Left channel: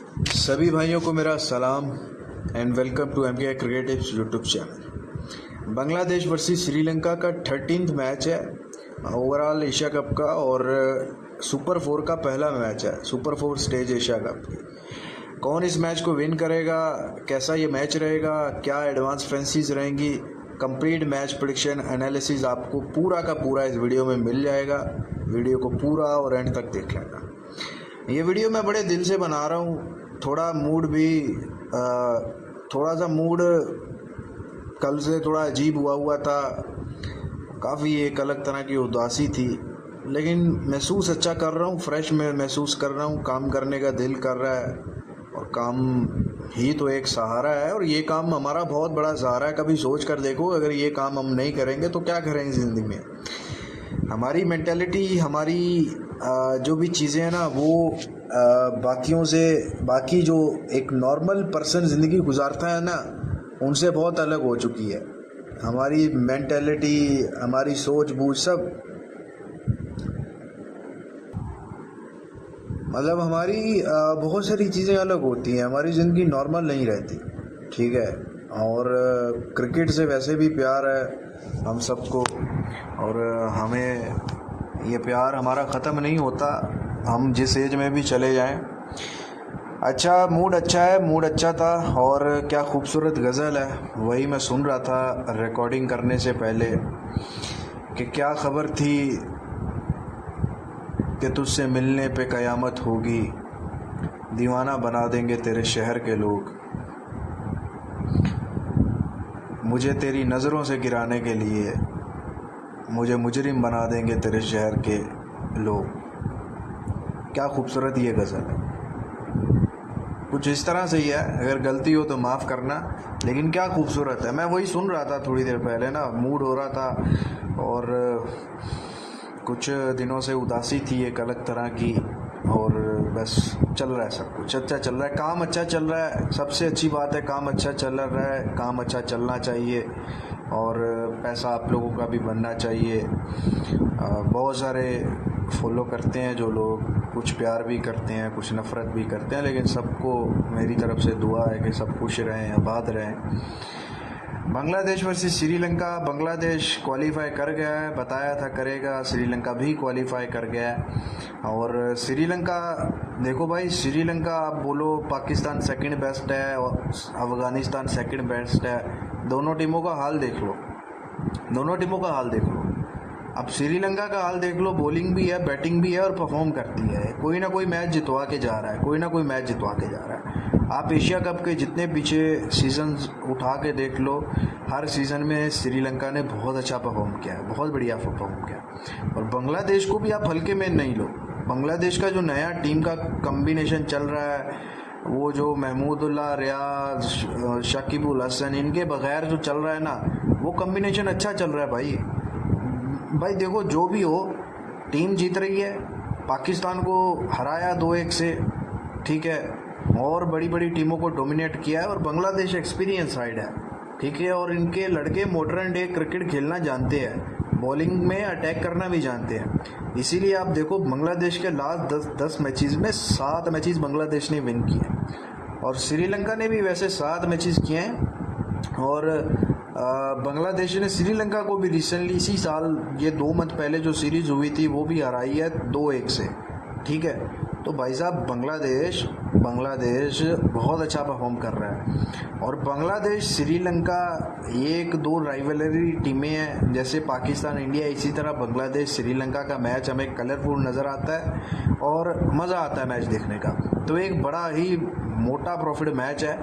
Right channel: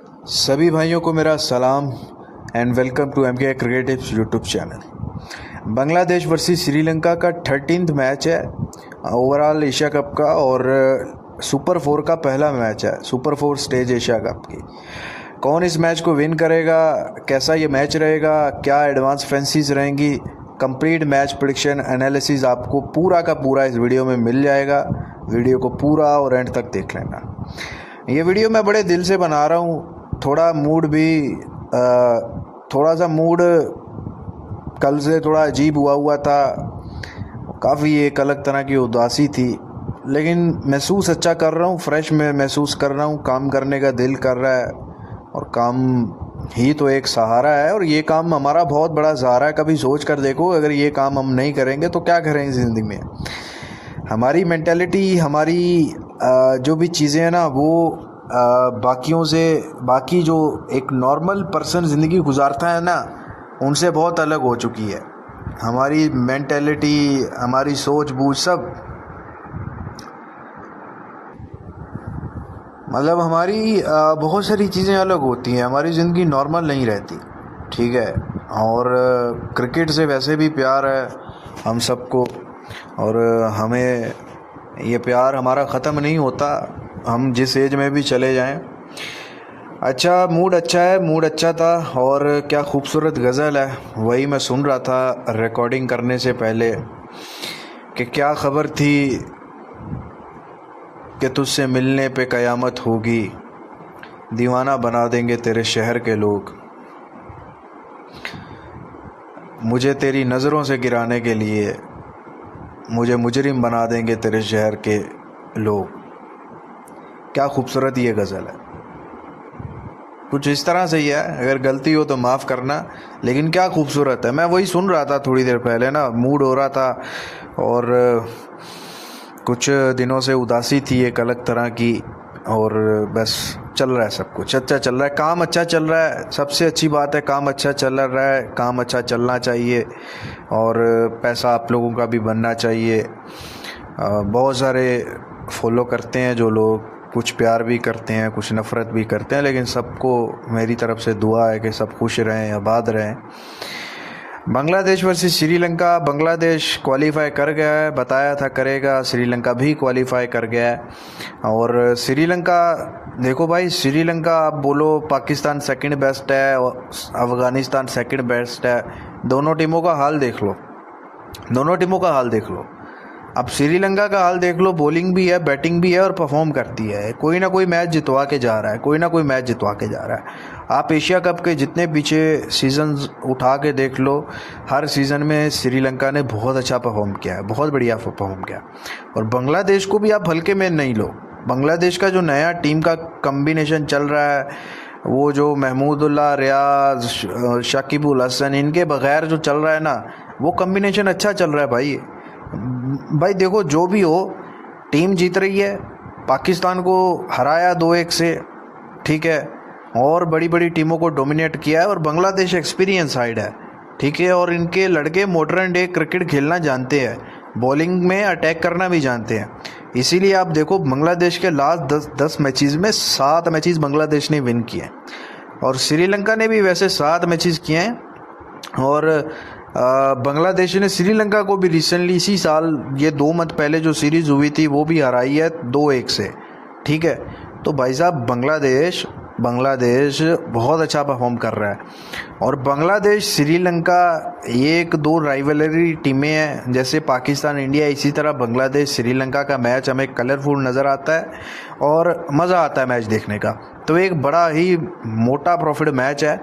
सभी भाइयों को मेरा सलाम and welcome to MK Cricketives YouTube channel. Bangladesh versus Sri Lanka का 13th मैच है ओवरऑल एशिया कप का और सुपर 4 का पहला मैच है, सुपर 4 स्टेज एशिया कप की। कौन इस मैच को विन करेगा, कैसा ये मैच रहेगा, क्या एडवांस फैंसीज रहेंगी, कंप्लीट मैच प्रेडिक्शन एनालिसिस आपको पूरा का पूरा इस वीडियो में मिल जाएगा। वीडियो को पूरा और एंड तक देख लेना। ये वीडियो मैं बड़े दिल से बना रहा हूँ। थोड़ा मूड भी थोड़ा सा मूड कल से थोड़ा अजीब हुआ था, काफ़ी एक अलग तरह की उदासी थी, लेकिन महसूस अच्छा कर रहा हूँ, फ्रेश में महसूस कर रहा हूँ। काम करने का दिल कर रहा है और काम ही तो एक सहारा है और ये काम हमारा बहुत बड़ा सहारा है। कभी सोच कर देखो, अगर ये काम हम नहीं करेंगे तो क्या करेंगे ज़िंदगी में। हमारी मेंटालिटी, हमारी जो भी चीज़ें हैं ना, वो बाकियों से, बाकी जो एक नॉर्मल पर्सन ज़िंदगी गुजारता है ना, उनसे बहुत अलग हो चुकी है। हमारी मेंटालिटी, हमारी सोच बूझ सब, मतलब हमारी बहुत सारी चीज़ें अलग होती हैं। हमारी ज़िंदगी नॉर्मल नहीं रहती, ठीक है। और क्रिकेट से वैसे भी प्यार है हम सबको और हमें ये प्यार हमारा ख़त्म नहीं होता, हम जिस एज में भी चले जाएं। अच्छा, मूड अच्छा है, मूड अच्छा था और क्या खूबसूरत गज़ल है, वही मैं सुन रहा था रिकॉर्डिंग करने से पहले कि क्या ख़बर थी कि तुझसे मिलने पे क़यामत होगी, दीवाना बना देंगे तेरे शहर के लोग, मुझे तेरी नज़रों से गिराने के लिए मुझे मुजरिम बना देंगे तेरे शहर के लोग। क्या खूबसूरत ये गज़ल है। कुछ इस तरह से ही है, अगर गलती हो तो माफ़ करना, लेकिन क्या खूबसूरत है। मैं वही सुन रहा था थोड़ी देर पहले ना, मूड हो रहा था और कुछ दिनों से उदासी थी एक अलग तरह की, और बस चल रहा है, सब कुछ अच्छा चल रहा है, काम अच्छा चल रहा है। सबसे अच्छी बात है, काम अच्छा चल रहा है, काम अच्छा चलना चाहिए और पैसा आप लोगों का भी बनना चाहिए। बहुत सारे फॉलो करते हैं जो लोग, कुछ प्यार भी करते हैं, कुछ नफ़रत भी करते हैं, लेकिन सबको मेरी तरफ से दुआ है कि सब खुश रहें, आबाद रहें। बांग्लादेश वर्सेस श्रीलंका, बांग्लादेश क्वालिफाई कर गया है, बताया था करेगा, श्रीलंका भी क्वालिफाई कर गया है। और श्रीलंका, देखो भाई, श्रीलंका आप बोलो पाकिस्तान सेकंड बेस्ट है और अफ़गानिस्तान सेकंड बेस्ट है, दोनों टीमों का हाल देख लो, दोनों टीमों का हाल देख लो। अब श्रीलंका का हाल देख लो, बॉलिंग भी है, बैटिंग भी है और परफॉर्म करती है, कोई ना कोई मैच जितवा के जा रहा है, कोई ना कोई मैच जितवा के जा रहा है। आप एशिया कप के जितने पीछे सीजन्स उठा के देख लो, हर सीज़न में श्रीलंका ने बहुत अच्छा परफॉर्म किया है, बहुत बढ़िया परफॉर्म किया। और बांग्लादेश को भी आप हल्के में नहीं लो। बांग्लादेश का जो नया टीम का कम्बिनेशन चल रहा है, वो जो महमूदुल्लाह, रियाज, शाकिबुल हसन, इनके बगैर जो चल रहा है ना, वो कम्बिनेशन अच्छा चल रहा है भाई। देखो, जो भी हो, टीम जीत रही है, पाकिस्तान को हराया 2-1 से, ठीक है, और बड़ी बड़ी टीमों को डोमिनेट किया है। और बांग्लादेश एक्सपीरियंस साइड है, ठीक है, और इनके लड़के मॉडर्न डे क्रिकेट खेलना जानते हैं, बॉलिंग में अटैक करना भी जानते हैं। इसीलिए आप देखो, बांग्लादेश के लास्ट 10 मैचेस में 7 मैचेस बांग्लादेश ने विन किए और श्रीलंका ने भी वैसे 7 मैचेस किए हैं। और बांग्लादेश ने श्रीलंका को भी रिसेंटली इसी साल, ये 2 मंथ पहले जो सीरीज़ हुई थी, वो भी हराई है 2-1 से, ठीक है। तो भाई साहब, बांग्लादेश बहुत अच्छा परफॉर्म कर रहा है। और बांग्लादेश श्रीलंका, ये 1-2 राइवलरी टीमें हैं, जैसे पाकिस्तान इंडिया, इसी तरह बांग्लादेश श्रीलंका का मैच हमें कलरफुल नज़र आता है और मज़ा आता है मैच देखने का। तो एक बड़ा ही मोटा प्रॉफिट मैच है।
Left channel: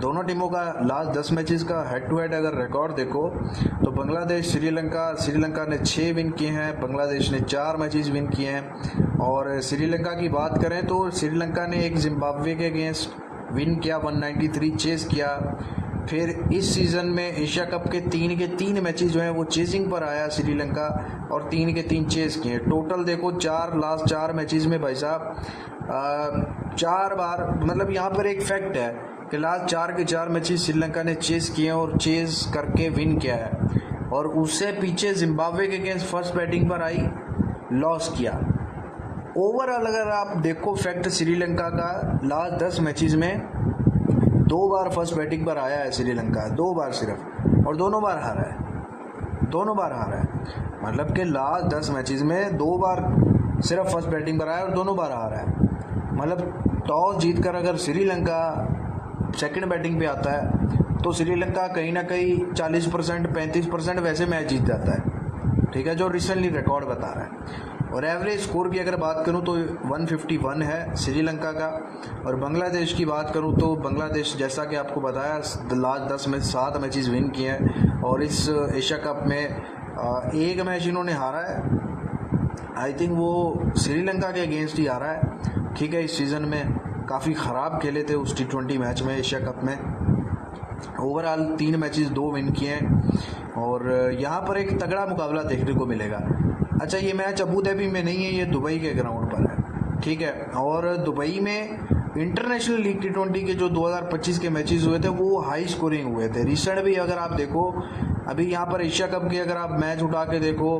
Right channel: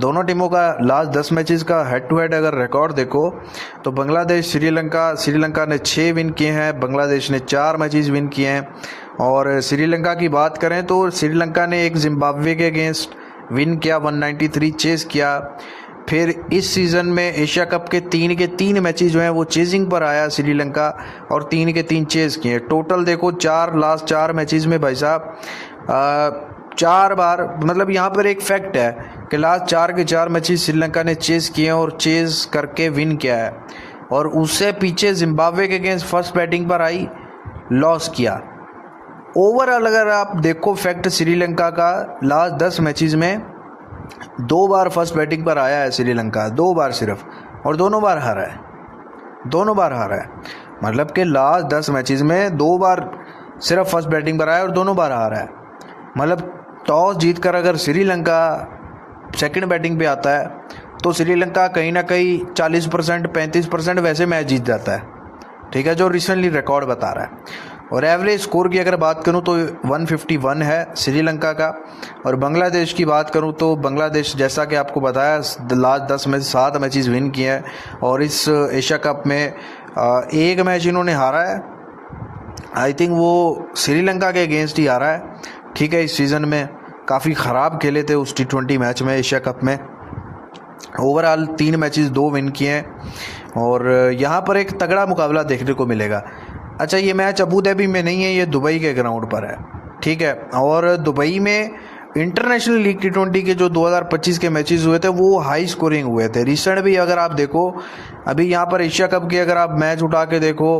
दोनों टीमों का लास्ट 10 मैचेस का हेड टू हेड अगर रिकॉर्ड देखो तो बांग्लादेश श्रीलंका ने 6 विन किए हैं, बांग्लादेश ने 4 मैचेस विन किए हैं। और श्रीलंका की बात करें तो श्रीलंका ने एक जिम्बाब्वे के अगेंस्ट विन किया, 193 चेस किया। फिर इस सीज़न में एशिया कप के 3 के 3 मैचेस जो हैं वो चेजिंग पर आया श्रीलंका, और 3 के 3 चेस किए। टोटल देखो, लास्ट 4 मैचेस में भाई साहब 4 बार, मतलब यहाँ पर एक फैक्ट है कि लास्ट 4 के 4 मैचेस श्रीलंका ने चेस किए और चेस करके विन किया है। और उससे पीछे जिम्बाब्वे के अगेंस्ट फर्स्ट बैटिंग पर आई, लॉस किया। ओवरऑल अगर आप देखो फैक्ट श्रीलंका का, लास्ट 10 मैचेस में 2 बार फर्स्ट बैटिंग पर आया है श्रीलंका, 2 बार सिर्फ, और दोनों बार हारा है, दोनों बार हारा है। मतलब कि लास्ट 10 मैचेस में 2 बार सिर्फ फर्स्ट बैटिंग पर आया और दोनों बार हारा है। मतलब टॉस जीतकर अगर श्रीलंका सेकंड बैटिंग पे आता है तो श्रीलंका कहीं ना कहीं 40% 35% वैसे मैच जीत जाता है, ठीक है, जो रिसेंटली रिकॉर्ड बता रहा है। और एवरेज स्कोर की अगर बात करूं तो 151 है श्रीलंका का। और बांग्लादेश की बात करूं तो बांग्लादेश, जैसा कि आपको बताया, लास्ट 10 में 7 मैचेस विन किए हैं और इस एशिया कप में एक मैच इन्होंने हारा है। आई थिंक वो श्रीलंका के अगेंस्ट ही हारा है, ठीक है। इस सीज़न में काफ़ी ख़राब खेले थे उस T20 मैच में, एशिया कप में। ओवरऑल 3 मैचेस 2 विन किए हैं और यहाँ पर एक तगड़ा मुकाबला देखने को मिलेगा। अच्छा, ये मैच अबू धाबी में नहीं है, ये दुबई के ग्राउंड पर है, ठीक है। और दुबई में इंटरनेशनल लीग T20 के जो 2025 के मैचेस हुए थे वो हाई स्कोरिंग हुए थे। रिसेंट भी अगर आप देखो, अभी यहाँ पर एशिया कप के अगर आप मैच उठा के देखो,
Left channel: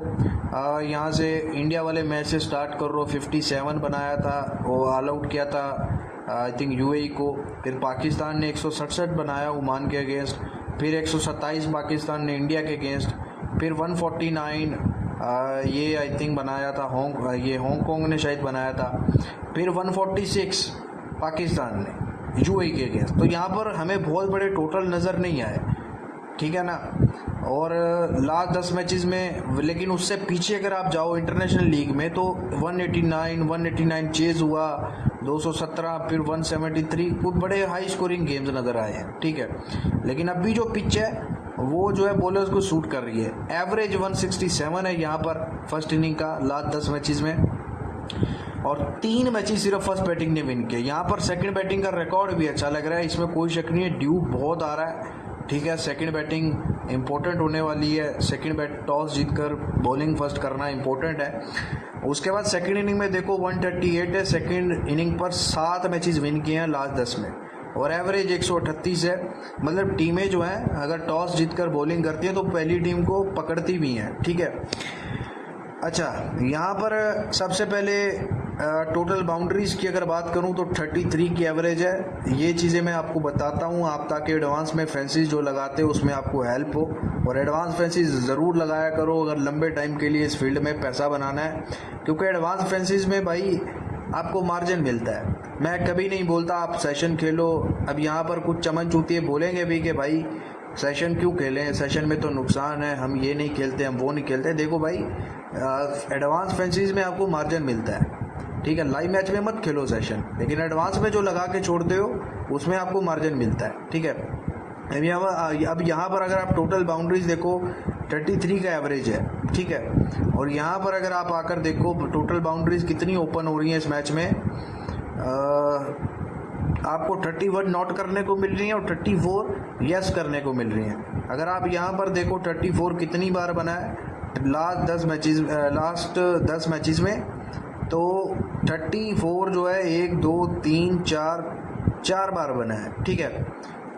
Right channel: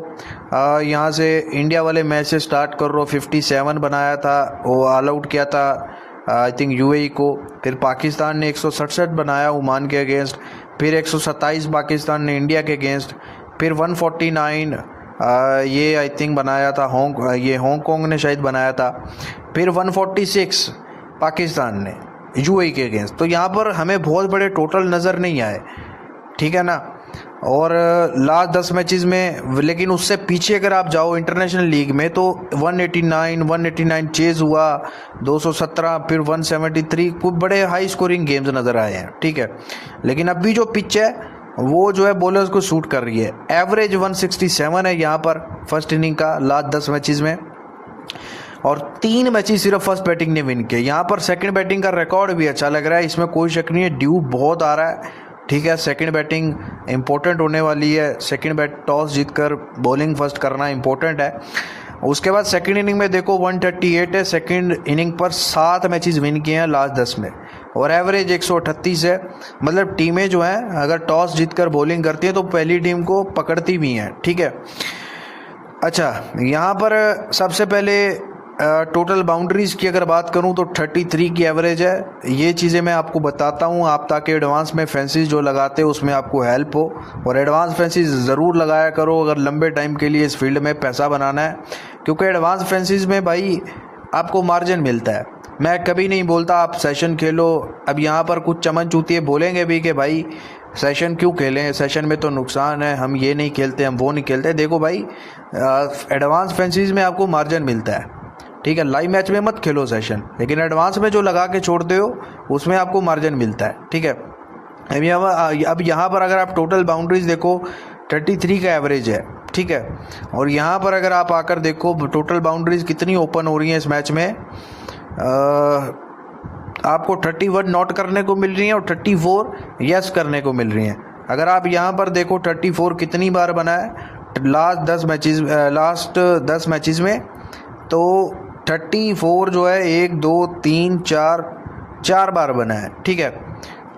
यहाँ से इंडिया वाले मैच से स्टार्ट कर रो, 57 बनाया था, वो ऑल आउट किया था आई थिंक UAE को। फिर पाकिस्तान ने 167 बनाया ओमान के अगेंस्ट, फिर 127 पाकिस्तान ने इंडिया के अगेंस्ट, फिर 149 ये आई थिंक बनाया था हांगकॉन्ग ने शायद बनाया था, फिर 146 पाकिस्तान ने UAE के अगेंस्ट। तो यहाँ पर हमें बहुत बड़े टोटल नज़र नहीं आए, ठीक है ना। और लास्ट 10 मैचेस में, लेकिन उससे पीछे अगर आप जाओ इंटरनेशनल लीग में तो 189 चेज हुआ, 217, फिर 173, कुछ बड़े हाई स्कोरिंग गेम्स नज़र आए हैं, ठीक है। लेकिन अभी जो पिच है वो जो है बॉलर्स को सूट कर रही है। एवरेज 167 है यहाँ पर फर्स्ट इनिंग का लास्ट 10 मैचेस में, और 3 मैचेस सिर्फ फर्स्ट बैटिंग ने विन किए। यहाँ पर सेकंड बैटिंग का रिकॉर्ड भी अच्छा लग रहा है, इसमें कोई शक नहीं है। ड्यू बहुत आ रहा है, ठीक है। सेकंड बैटिंग इंपॉर्टेंट होने वाली है, सेकंड टॉस जीतकर बॉलिंग फर्स्ट करना इंपॉर्टेंट है। उसके बाद सेकंड इनिंग में देखो 138 है, सेकंड इनिंग पर 7 मैचेस विन किए हैं लास्ट 10 में, और एवरेज 138 है। मतलब टीमें जो हैं अगर टॉस जीतकर बॉलिंग करती हैं तो पहली टीम को पकड़ती भी हैं, ठीक है। अच्छा, यहाँ पर सबसे पहले टोटल बाउंड्रीज़ की अगर बात करूं तो 33 की एवरेज है। ये चीज़ें मैं आपको बताता हूं आप, ताकि एडवांस में फैंसीज जो लगाते हो उसमें आपको हेल्प हो। और एडवांस फैंसीज ज़रूर लगाया करो अगर लंबे टाइम के लिए इस फील्ड में पैसा बनाना है, क्योंकि एडवांस फैंसीज में भाई आपको मार्जिन मिलता है। मैं कभी नहीं बोलता आप सेशन खेलो। अब यहाँ पर कुछ चमन चूतिए बोलेंगे भी कि भाई सेशन क्यों खेलें, सेशन में तो नुकसान है, हम ये नहीं खेलते, हम वो नहीं खेलते। देखो भाई, एडवांस फैंसीज में आपको मार्जिन मिलता है, ठीक है। लाइव मैच में मत खेलो सेशन, लेकिन एडवांस में जो लगा के छोड़ते हो उसमें आपको मार्जिन मिलता है, ठीक है। अब यहाँ पर अगर आप टोटल बाउंड्रीज देखो 33 का एवरेज है, ठीक है। और यहाँ पर अगर आप आकर देखो टोटल बाउंड्रीज कितनी ओपन हो रही हैं इस मैच में, आपको 31 नॉट करने को मिल रही हैं और 34 यस करने को मिल रही हैं। अगर आप यहाँ पर देखो 34 कितनी बार बना है लास्ट 10 मैचेस में, तो 34 जो है 1 2 3 4 बार बना है, ठीक है।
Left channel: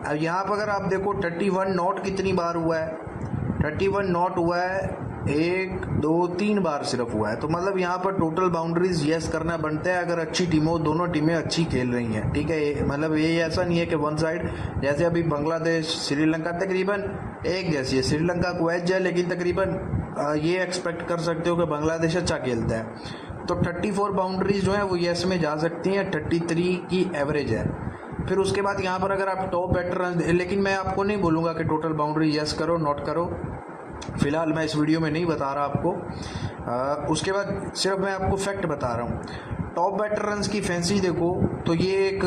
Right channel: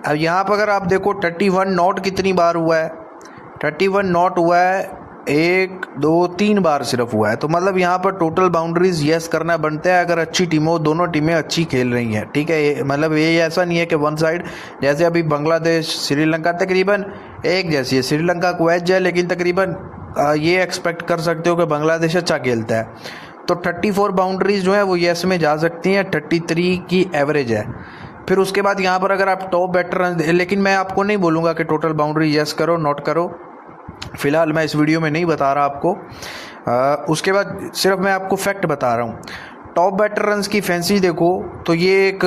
अब यहाँ पर अगर आप देखो 31 नॉट कितनी बार हुआ है, 31 नॉट हुआ है 1 2 3 बार सिर्फ हुआ है। तो मतलब यहाँ पर टोटल बाउंड्रीज यस करना बनता है अगर अच्छी टीमों, दोनों टीमें अच्छी खेल रही हैं, ठीक है। मतलब ये ऐसा नहीं है कि वन साइड, जैसे अभी बांग्लादेश श्रीलंका तकरीबन एक जैसी है, श्रीलंका को एज है, लेकिन तकरीबन ये एक्सपेक्ट कर सकते हो कि बांग्लादेश अच्छा खेलता है। तो 34 बाउंड्रीज जो है वो यस में जा सकती हैं, 33 की एवरेज है। फिर उसके बाद यहाँ पर अगर आप टॉप बैटर रन, लेकिन मैं आपको नहीं बोलूँगा कि टोटल बाउंड्री यस करो नोट करो, फ़िलहाल मैं इस वीडियो में नहीं बता रहा आपको। उसके बाद सिर्फ मैं आपको फैक्ट बता रहा हूँ। टॉप बैटर रन्स की फैंसी देखो तो ये एक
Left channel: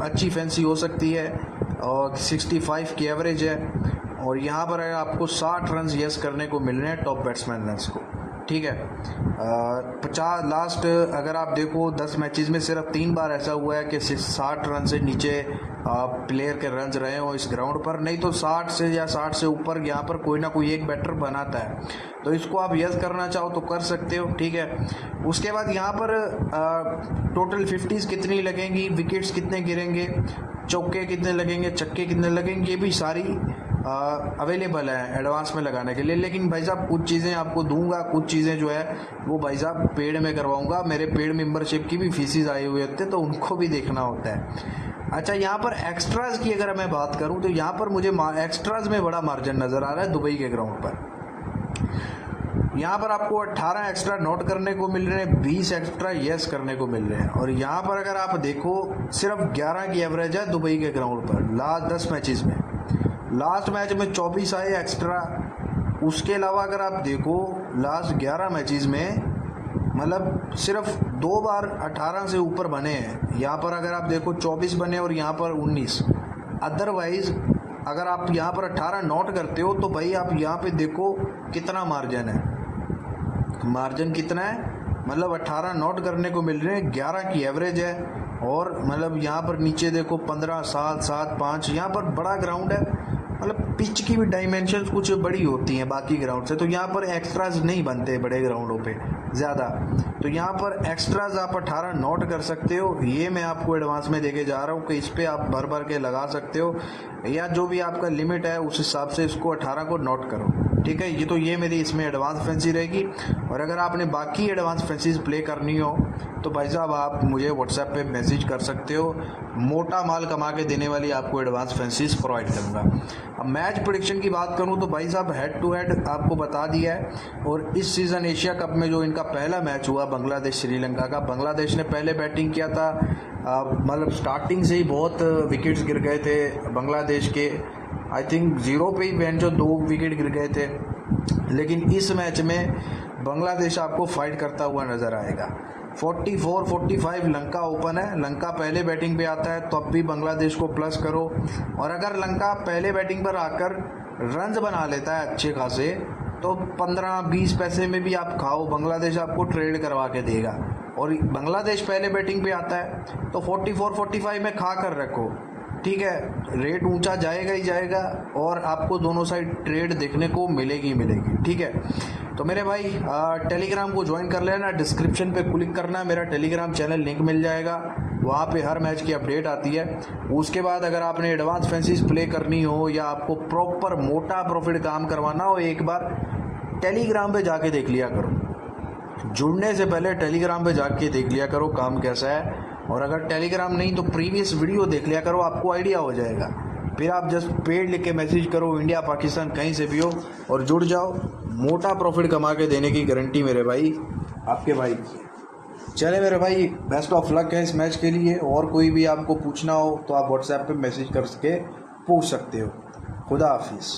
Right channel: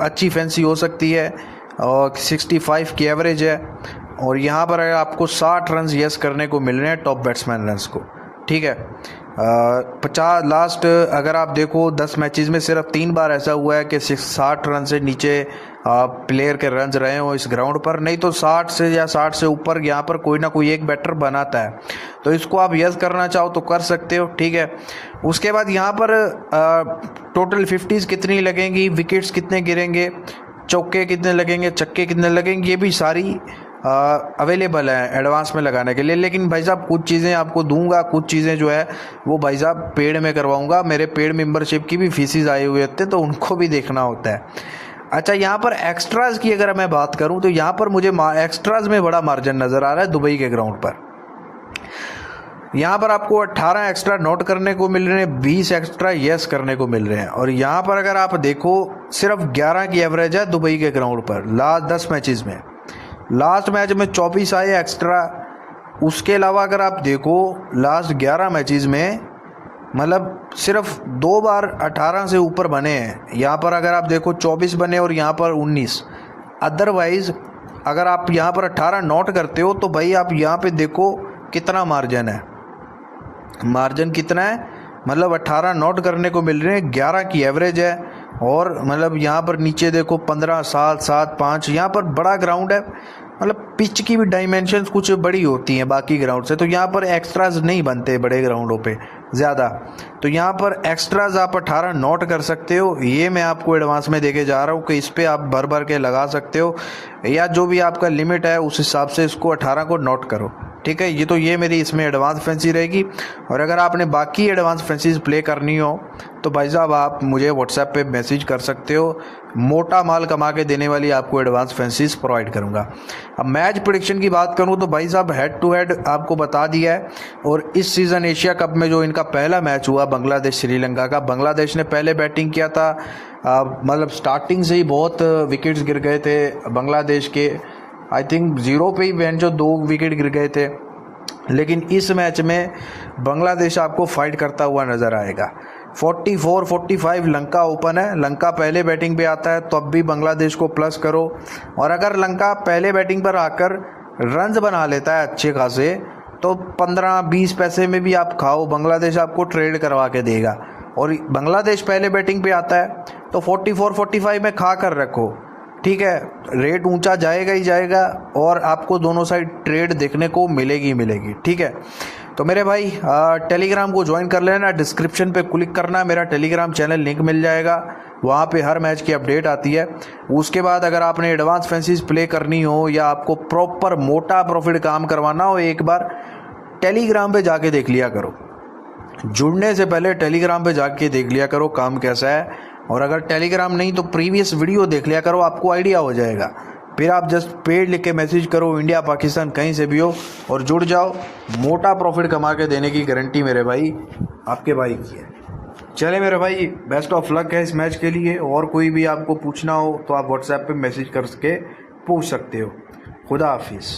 अच्छी फैंसी हो सकती है, और 65 की एवरेज है। और यहाँ पर अगर आपको 60 रन यस करने को मिल रहे हैं टॉप बैट्समैन रन्स को, ठीक है। 50 लास्ट अगर आप देखो 10 मैचेस में सिर्फ 3 बार ऐसा हुआ है कि 60 रन से नीचे प्लेयर के रन्स रहे हो इस ग्राउंड पर, नहीं तो 60 से या 60 से ऊपर यहाँ पर कोई ना कोई एक बैटर बनाता है। तो इसको आप यस करना चाहो तो कर सकते हो, ठीक है। उसके बाद यहाँ पर टोटल 50s कितनी लगेंगी, विकेट्स कितने गिरेंगे, चौके कितने लगेंगे, छक्के कितने लगेंगे, ये भी सारी अवेलेबल हैं एडवांस में लगाने के लिए। लेकिन भाई साहब कुछ चीज़ें आपको दूंगा, कुछ चीज़ें जो है वो भाई साहब पेड में करवाऊंगा। मेरे पेड मेंबरशिप की भी फीसिस आए हुए होते तो उनको भी देखना होता है। अच्छा, यहाँ पर एक्स्ट्राज की अगर मैं बात करूँ तो यहाँ पर मुझे एक्स्ट्राज में बड़ा मार्जिन नज़र आ रहा है दुबई के ग्राउंड पर। यहाँ पर आपको 18 एक्स्ट्रा नोट करने को मिल रहे हैं, 20 एक्स्ट्रा यस करने को मिल रहे हैं। और यहाँ पर अगर आप देखो सिर्फ 11 की एवरेज है दुबई के ग्राउंड पर लास्ट 10 मैचेस में। लास्ट मैच में 24 आए एक्स्ट्रा। उसके अलावा अगर आप देखो लास्ट 11 मैचेस में मतलब सिर्फ 2 बार 18 से ऊपर बने हैं। यहाँ पर अगर आप देखो 24 बने और यहाँ पर 19। अदरवाइज अगर आप यहाँ पर 18 नोट करते हो तो भाई आप यहाँ पे देखो कितना मार्जिन है। मार्जिन कितना है, मतलब 18 नोट करने को मिल रहे हैं, 11 की एवरेज है। और मतलब यहाँ पर नीचे देखो 15, 7, 7, 5। यहाँ पर बड़ा ग्राउंड है, मतलब पिच की भी डायमेंशंस कुछ बड़ी होती हैं बाकी ग्राउंड से। तो यहाँ पर एक्स्ट्राज नहीं बनते बड़े ग्राउंडों पे ज़्यादा। तो यहाँ पर एक्स्ट्राज आप 18 नोट कर सकते हो। ये मैं आपको एडवांस में देके जा रहा हूँ कि इस पर आप भर भर के लगा सकते हो, या जो भी आपका लिमिट है उस हिसाब से इसको 18 को नोट करो। ठीक है, ये मेरी इसमें एडवांस फैंसी रहेगी। और अगर आपने बाकी एडवांस फैंसीज प्ले करनी हो तो भाई साहब आप मुझे व्हाट्सएप पे मैसेज कर सकते हो। मोटा माल कमा के देने वाली आपको एडवांस फैंसीज प्रोवाइड करूंगा। अब मैच प्रेडिक्शन की बात करूं तो भाई साहब हेड टू हेड आपको बता दिया है। और इस सीज़न एशिया कप में जो इनका पहला मैच हुआ बांग्लादेश श्रीलंका का, बांग्लादेश ने पहले बैटिंग किया था। मतलब स्टार्टिंग से ही बहुत विकेट्स गिर गए थे बांग्लादेश के। आई थिंक 0 पे ही जो 2 विकेट गिर गए थे। लेकिन इस मैच में बांग्लादेश आपको फाइट करता हुआ नज़र आएगा। 44-45 लंका ओपन है। लंका पहले बैटिंग पे आता है तो अब भी बांग्लादेश को प्लस करो। और अगर लंका पहले बैटिंग पर आकर रन्स बना लेता है अच्छे खासे तो 15-20 पैसे में भी आप खाओ, बांग्लादेश आपको ट्रेड करवा के देगा। और बांग्लादेश पहले बैटिंग पे आता है तो 44-45 में खा कर रखो। ठीक है, रेट ऊंचा जाएगा ही जाएगा और आपको दोनों साइड ट्रेड देखने को मिलेगी मिलेगी। ठीक है, तो मेरे भाई टेलीग्राम को ज्वाइन कर लेना। डिस्क्रिप्शन पे क्लिक करना, मेरा टेलीग्राम चैनल लिंक मिल जाएगा। वहाँ पे हर मैच की अपडेट आती है। उसके बाद अगर आपने एडवांस फैंसीज प्ले करनी हो या आपको प्रॉपर मोटा प्रॉफिट काम करवाना हो, एक बार टेलीग्राम पे जाके देख लिया करो। जुड़ने से पहले टेलीग्राम पे जाके देख लिया करो काम कैसा है। और अगर टेलीग्राम नहीं तो प्रीवियस वीडियो देख लिया करो, आपको आइडिया हो जाएगा। फिर आप जस्ट पेड लिख के मैसेज करो, इंडिया पाकिस्तान कहीं से भी हो, और जुड़ जाओ। मोटा प्रॉफिट कमा के देने की गारंटी मेरे भाई आपके भाई की है। चले मेरे भाई, बेस्ट ऑफ लक है इस मैच के लिए। और कोई भी आपको पूछना हो तो आप व्हाट्सएप पे मैसेज करके पूछ सकते हो। खुदा हाफिज़।